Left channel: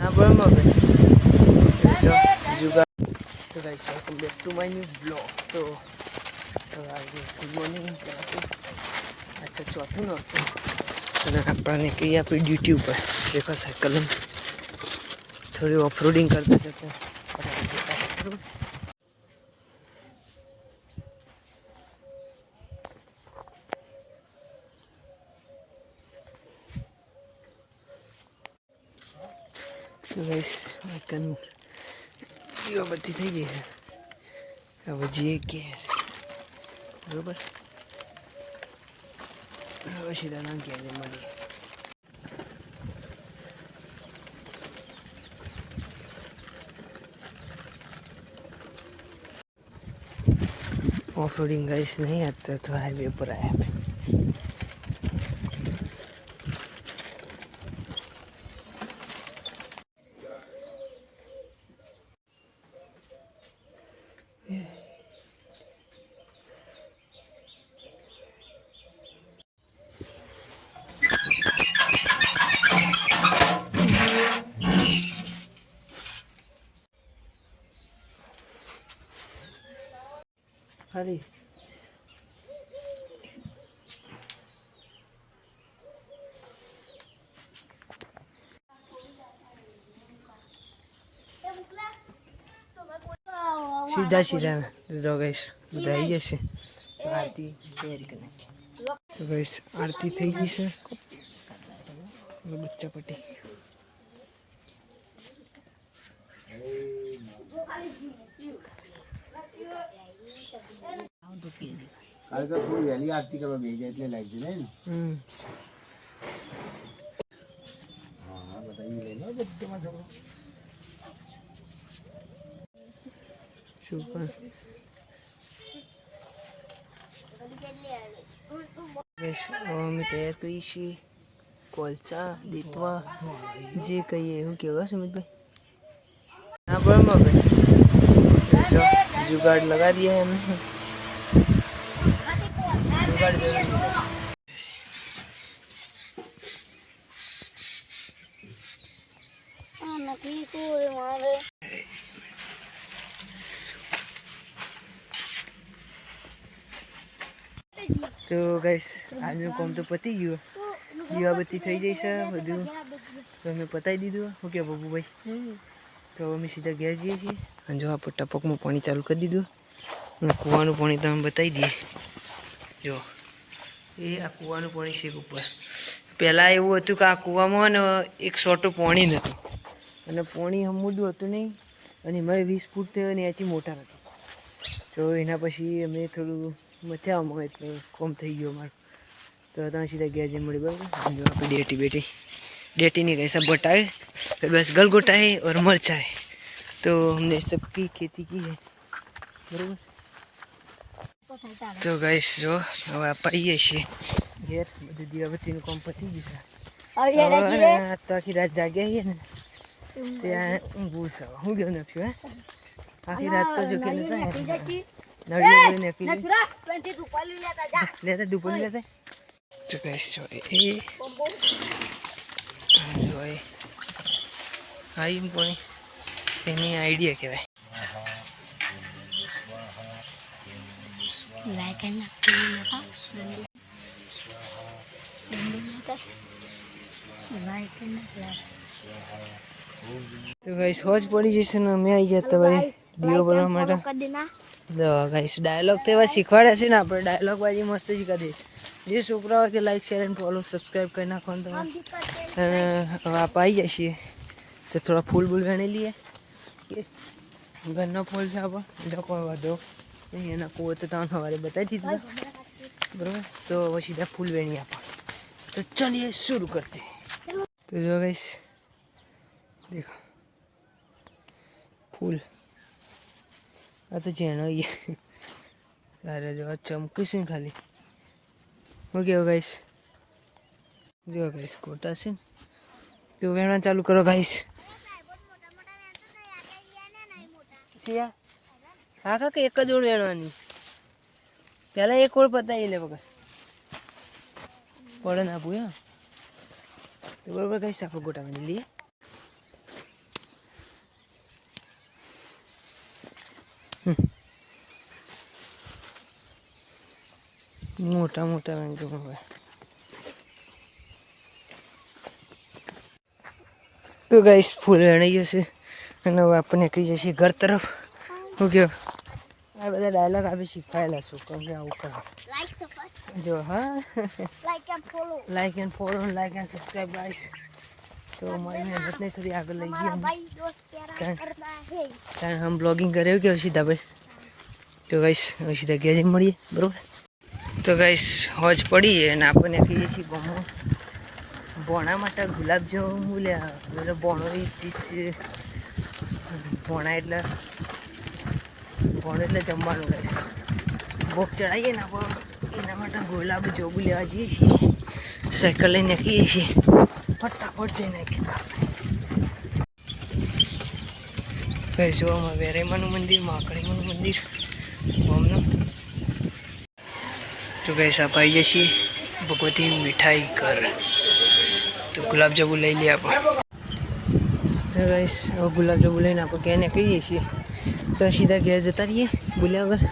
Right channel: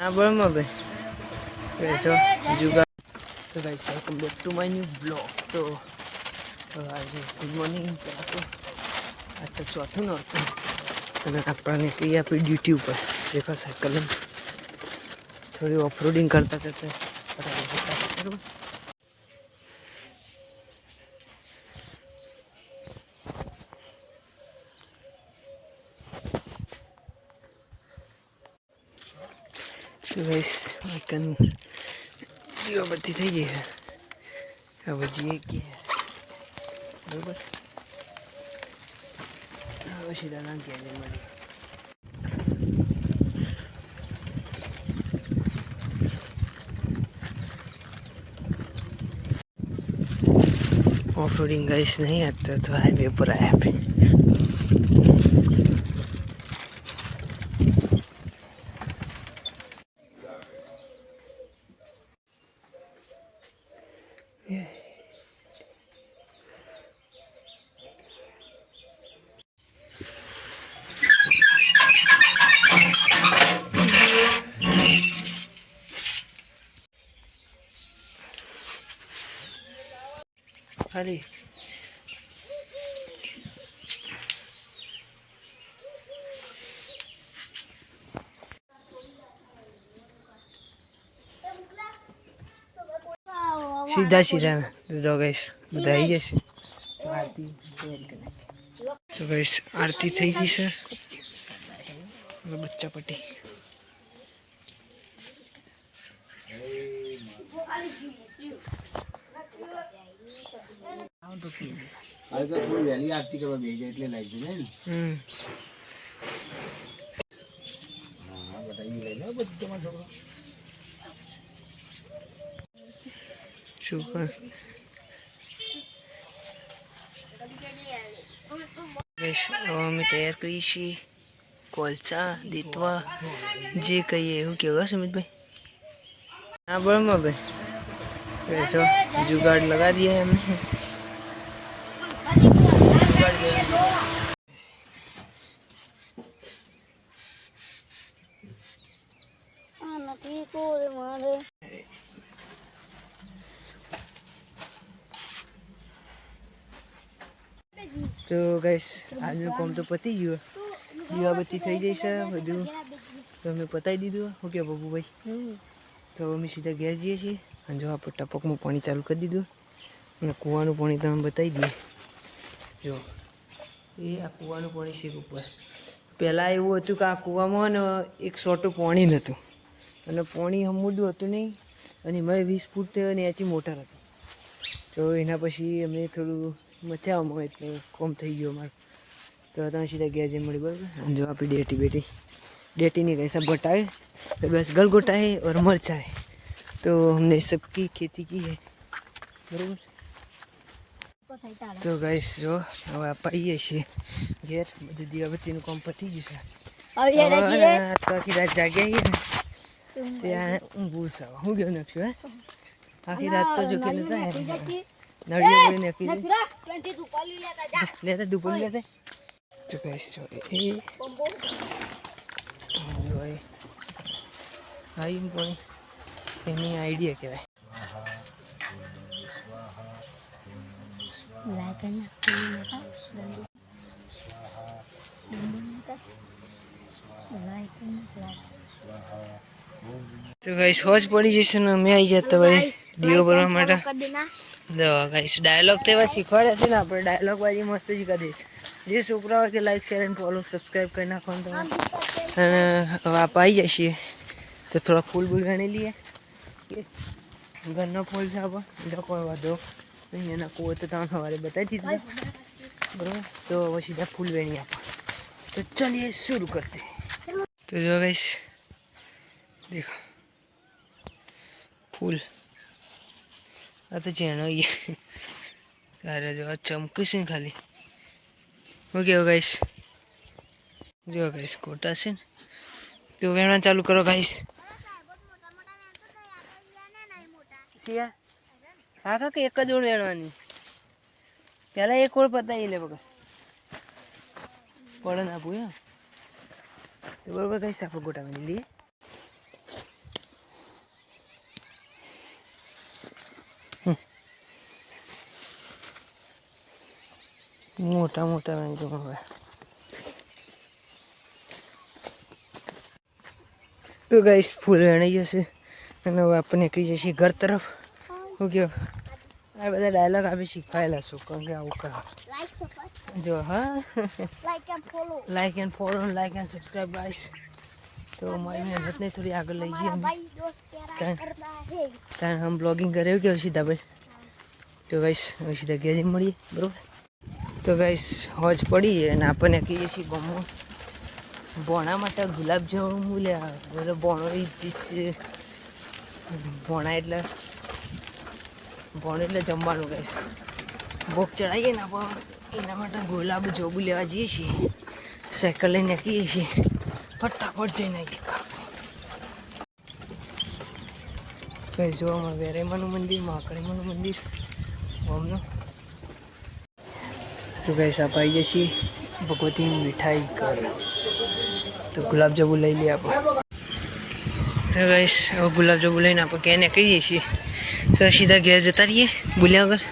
हाँ बड़ा भाई जुगाड़। तो guys welcome back to my new blog. तो आज गुड मॉर्निंग तो अच्छा चौथું નોરતું અને આપણે નીકળી આપણી ડ્યુટી ઉપર देखो साइकिल में थोड़ी ऑफ रोडिंग करते करते बराबर। तो गाइस आइकन દીવાબત્તી થઈ ગઈ છે હવે જઈએ કે બરાબર હવે સીધા ના ગયા મળીએ। ऑफ रोडिंग गाइस नहीं आता तो हाईवे पर आया पे। खाली सीधा सीधा जो गाइस बताई जैसे तो आरती तैयारी करना। तो गाइस आरती थी गई सर बच्चा पट्टी तो थोड़ी वैली आरती करवा भेजा એટલે લાગી જાય ને। हां बताइए ले लो बच्चा छोकरो सुपर गाइस અમે તૈયાર કરી છે કોલસા દેતવા જે કહીએ એવું કેવા સુમિતભાઈ। हाँ बड़ा भाई जो जुगाड़ लगा दिया है हमने जुगाड़ जरूरी है। तो गाइस आज નું કામ તો પતી ગયું દીવાબત્તી થઈ જઈ છે બધું તો અમે પતાવી દીધું ઓકે બાબુભાઈ। તો અમે સીધા ઘેર જઈએ છીએ અને જો આપણે ટપકમાં પાણી ચાલુ કરી દીધું અને કૂવાનું પાણી તમે બતાવી દઈએ। જો એ આ કૂવાનું પાણી છે ઉપર પહેલાં એવું હતું કે આ કૂવામાં ને એક સોટું પાણી નહોતું અને પાણી હમુદું હતું નહીં અને એમાં 20 ફૂટ ને એથી મોટર હતું। તો એના પછી અમે થોડું મથ્યામાં એટલે કોમ થઈ ગયો અમારું તો તમે સીધા ઘેર જઈને મળી બરાબર। जो आपकी डेटी बेटी डेटी नहीं कैसा बटाए बस गलगोटा है और मरचा है तो हमने सबकी खेती की है बराबर। तो गाइस जो હવે આવીએ છીએ ઘેર બધું દીવાબત્તીનું કામ પતી ગયું છે તો આખી રાત જાગ્યા છીએ ને ત્યાં ઊંઘું છે હું ગયો નાખશું હે આખી રાત તો જો કે નતા નળીઓ પડી નાખી લેતા દુપલી લેતા। તો ગાઈસ જો એ જો આઈ પાણી એની આઈડિયા કહેવાય। तो गाइस होज पड़ी जैसे ना मैं आई जाता भाई दियो भरवा માટે तो गाइस डायलॉग तो एवा શીખવાડે છે ને આપણે डायलॉग बाजी मस्त શીખા દે જે છોકરાઓ કે like share and follow subscribe કરી નાખો ને તમે હવે આપ આવી જઈએ તો થોડા ફૂલ બૂલ ગણી લઈએ ઘરનો ફૂલ છે આપણે બીજો કોઈ વાંધો નહીં એના કૂવો તો તમને સવારે બતાવી દીધા બરાબર। तो वो सीधा फूल वेणी आप तो चलिए शुरू करते हैं। तो जो गाइस देखो फूल आ तो जेनो ही अरे जो चमकू से खाली हो गया गाइस जो गाइस कोटा से तो वेणा चालू करो गाइस। हाँ का एक ज ओळ वेणવાની पहला एक ओळ पताई ले बघा पड़े ना पूया तो बराबर गाइस आप गोटा में लिए મોટા મોટા વાંચો હવે. તો ગાઈસ ફૂલ વેણાઈ જશે અને હવે આપણે નીકળી જશે ઘર તરફ. શું કહો? આ બધા ડાયલોગ આપણે શીખવાયેલા છું કારણ કે આવું કરો. જો હા, like and follow, like and subscribe guys. તો મારી મહેનતને થોડી આગળ લઈ ગઈ અમે, કારણ હમ બ્લોગિંગ કરે કે સીધા ભાઈ. તો ગાઈસ હવે સીધા ઘેર જઈને મળીએ, બરાબર. તો ગાઈસ હોજ પડી અને આપણે નીકળીએ છીએ ગામમાં ભોણા માટે ગુલાબ જાંબુ મૂલ્યા એટલે ભોણો ભોણા એટલે જમવાનું ગાઈસ. ભોગ ચડાવીએ ને આપણે એના માટે ગુલાબ જાંબુ લેવા જઈએ છીએ. સાયકલ લઈને નીકળીએ છીએ, ફટાફટ જઈને કઈ જોવામાં વેરેમાનું મંદિર, મહાકાળીમાનું મંદિર ગામનું. તો કઈ સાપાઈ જઈએ ભગવતી મીઠાઈ ઘર. તો ગુલાબજાંબુ લઈ લઈએ આપણે. તો ગાઈસ હવે ગુલાબજાંબુ લઈને આપણે ઘેર નીકળી જઈએ છીએ. તો સીધા ઘેર જતા રહીએ બોલ્યા વગર.